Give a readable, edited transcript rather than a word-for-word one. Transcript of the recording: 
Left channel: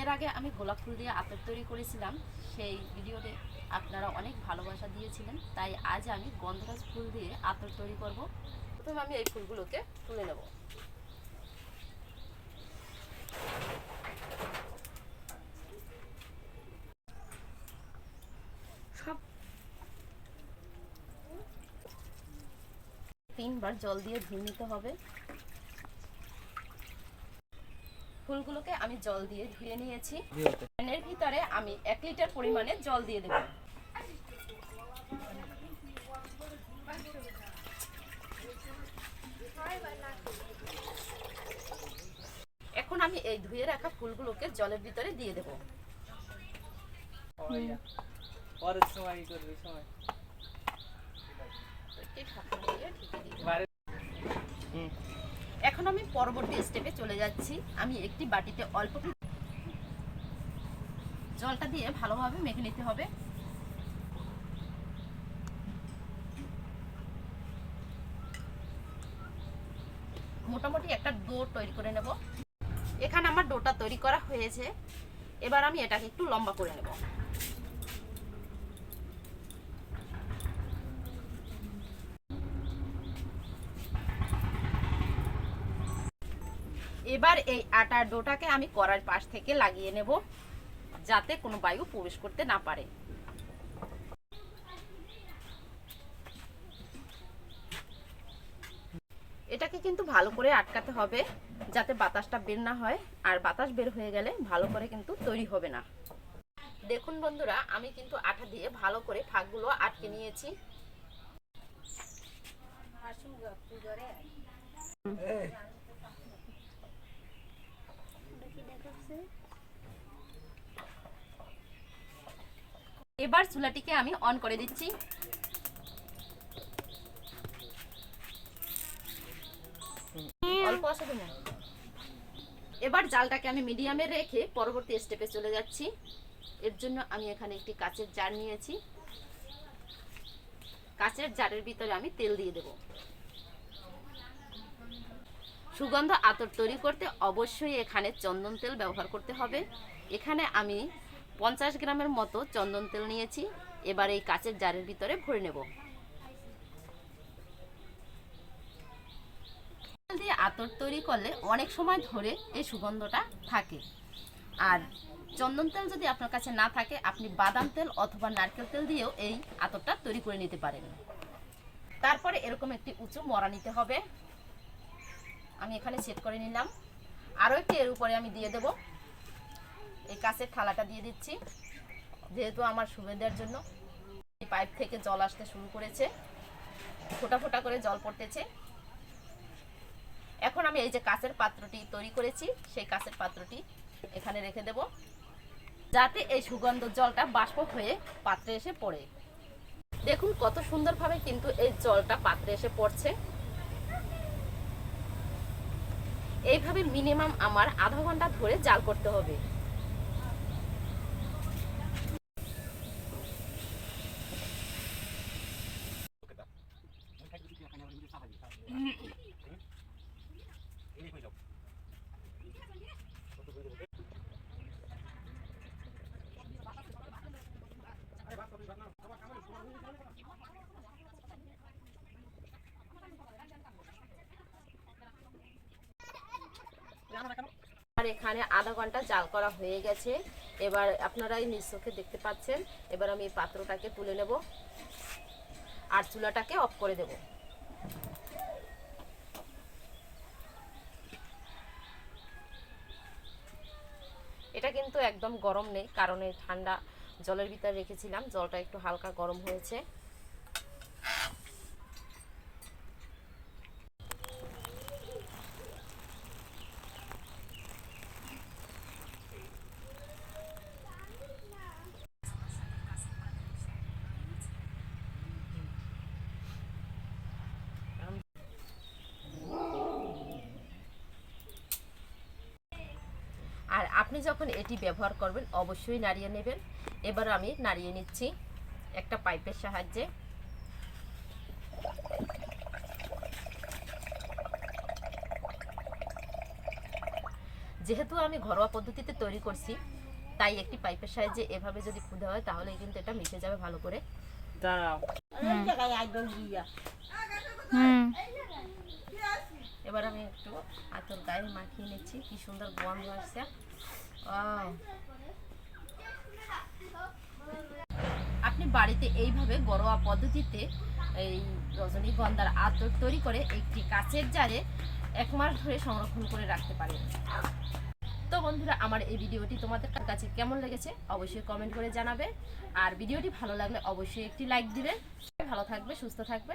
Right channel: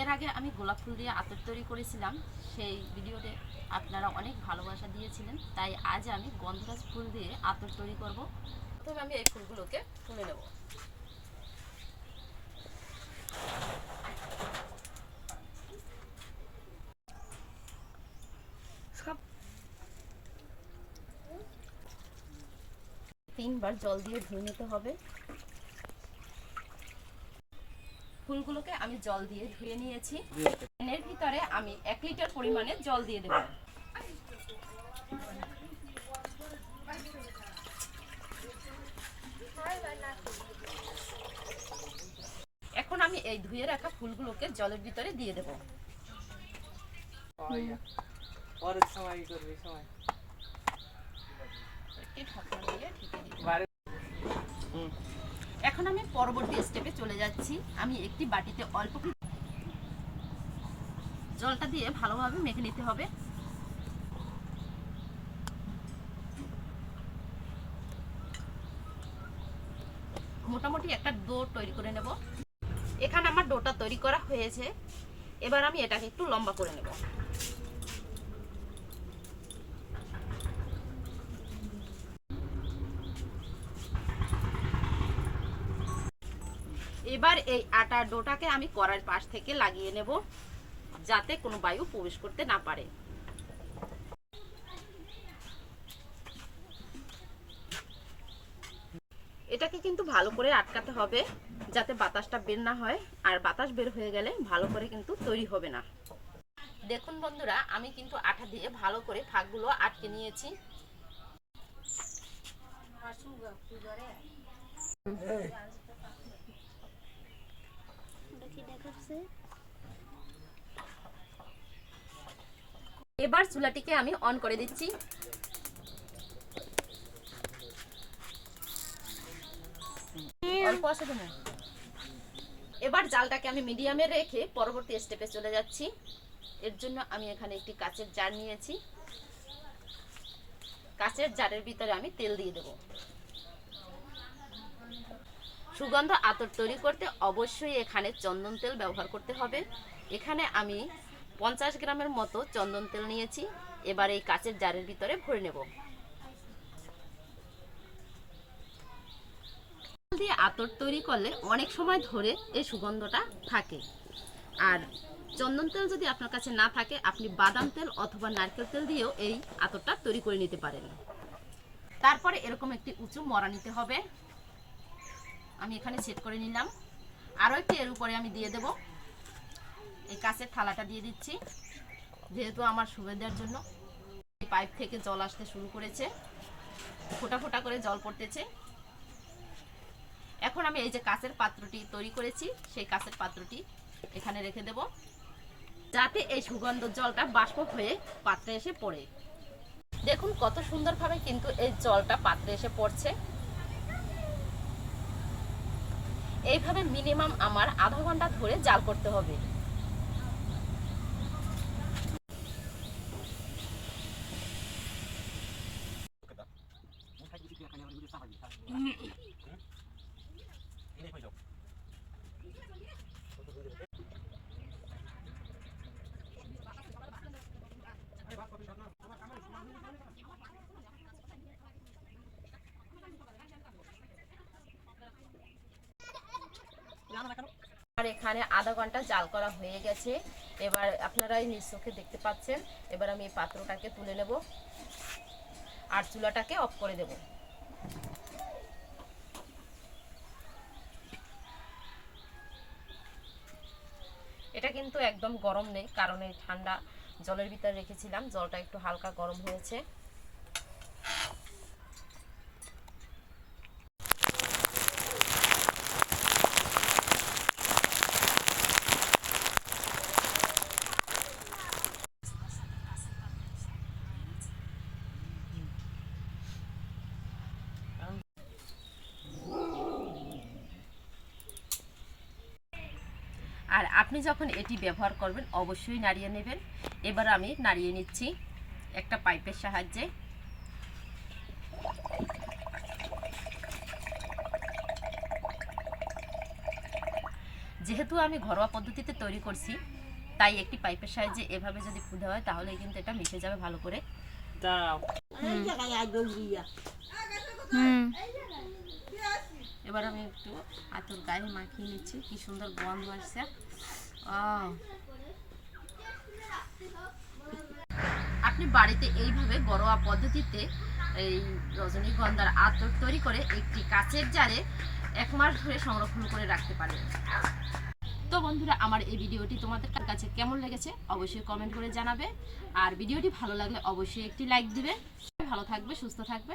এর আগে আমি গোলাপ ফুল দিয়ে আতর তৈরি করেছিলাম, সেই ভিডিওতে আপনারা অনেক ভালোবাসা দিয়েছিলেন, তাই আজ আমি গন্ধরাজ ফুল দিয়ে আতর তৈরি করব। প্রথমে আমি এই ফুলগুলোকে তুলে নেব। সব 3 বার জল দিয়ে ধুয়ে নিতে হবে। ফুলগুলোকে আমি জল দিয়ে ধুয়ে নিয়েছি। এর ভিতরে আমি 1 লিটার পরিমাণে জল দিয়ে দেব। এখন আমি এই ধুয়ে রাখা ফুলগুলোকে জলের ভিতরে দিয়ে দেব। এখন আমি পরবর্তী স্টেপে চলে যাচ্ছি। আমি একটি বাটিতে অল্প জলটা দিয়ে ভালোভাবে মেখে নিতে হবে। মোটামুটি একটা ডো তৈরি করে নেব। এখানে আমার ডোটা তৈরি করা হয়েছে। এবার আমি এটাকে একটু লম্বা করে নেব। এবার এই আটার ডোটাকে আমি কড়ার পাশ থেকে লাগিয়ে নেব, যাতে কোনো বায়ু প্রবেশ করতে না পারে। এটাকে কিন্তু ভালো করে আটকাতে হবে, যাতে বাতাসটা বের না হয়, আর বাতাস বের হয়ে গেলে ভালো করে কিন্তু তৈরি হবে না। দেখুন বন্ধুরা, আমি কিন্তু আটা দিয়ে ভালো করে ফাঁকগুলো আটকে নিয়েছি। এবার চুলাটিকে আমি অন করে দিচ্ছি। অল্প আছে তো না। এবার জালটাকে আমি মিডিয়ামে রেখে পরবর্তী স্টেপে চলে যাচ্ছি। এর জন্য আমি এখানে একটি কাচের জার নিয়েছি। কাচের জারের ভিতরে আমি তেল দিয়ে দেব। সুগন্ধ আতর তৈরি করতে অবশ্যই এখানে চন্দন তেল ব্যবহার করতে হবে। এখানে আমি 50 গ্রামের মতো চন্দন তেল নিয়েছি। এবার এই কাচের জারের ভিতরে ভরে নেব। দিয়ে আতর তৈরি করলে অনেক সময় ধরে এই সুগন্ধটা থাকে। আর চন্দন তেল যদি আপনার কাছে না থাকে, আপনি বাদাম তেল অথবা নারকেল তেল দিয়েও এই আতরটা তৈরি করে নিতে পারেন। তারপরে এরকম একটি উঁচু মরা নিতে হবে। আমি এখানে সেট করে নিলাম। আরও একটি এর উপরে আমি দিয়ে দেব। এই কাঁচের থালাটা দিয়ে দিচ্ছি, যেহেতু আমার সুবিধার জন্য। এই পাইপ থেকে জল আসতে শুরু করেছে, ফোঁটা ফোঁটা করে জল পড়তেছে। এখন আমি এই যে কাঁচের পাত্রটি তৈরি করেছি, সেই কাঁচের পাত্রটি এখানে রেখে দেব, যাতে এই সুগন্ধ জলটা বাষ্প হয়ে পাত্রে এসে পড়ে। দেখুন কত সুন্দরভাবে কিন্তু এই জলটা পাত্রে এসে পড়ছে। এইভাবে মিনিমাম আমার আধা ঘন্টা ধরে জাল করতে হবে। আর এখানে আধা ঘন্টা জাল করা হয়ে গেছে। এবার আপনারা এই নিজ চোখে দেখতে পাচ্ছেন। এবার আমি এই পাত্রটাকে তুলে নেব আর চুলাটাকে অফ করে দেব। এটা কিন্তু একদম গরম নেই, কারণ এই ঠান্ডা জলের ভিতরে রেখেছিলাম, জলটা একটু হালকা গরম হয়েছে। আর আপনি যখন এটি ব্যবহার করবেন অবশ্যই নাড়িয়ে নেবেন। এবার আমি নাড়িয়ে নিচ্ছি একটা পাইপের সাহায্যে। যেহেতু আমি ঘরোয়া পদ্ধতিতে তৈরি করছি, তাই একটি পাইপের সাহায্যে এভাবে যদি ফুঁদে হয় তাহলে কিন্তু এটা মিশে যাবে ভালো করে। এবার আমি একটু আতর গায়ে মাখিয়ে নিচ্ছি, কি সুন্দর গন্ধ আসছে। আপনি বাড়িতে এইভাবে ঘরোয়া পদ্ধতিতে এই রজনীগন্ধার আতর তৈরি করে একটি কাচের জারে 1 মাস ধরে সংরক্ষণ করে রাখতে পারেন। তো বন্ধুরা, আমার এই ভিডিওটি তোমাদের কাছে কেমন লেগেছে অবশ্যই কমেন্ট করে জানাবে, আর ভিডিওটি ভালো লাগলে অবশ্যই একটি লাইক দিবে। ভালো থাকবে, সুস্থ থাকবে।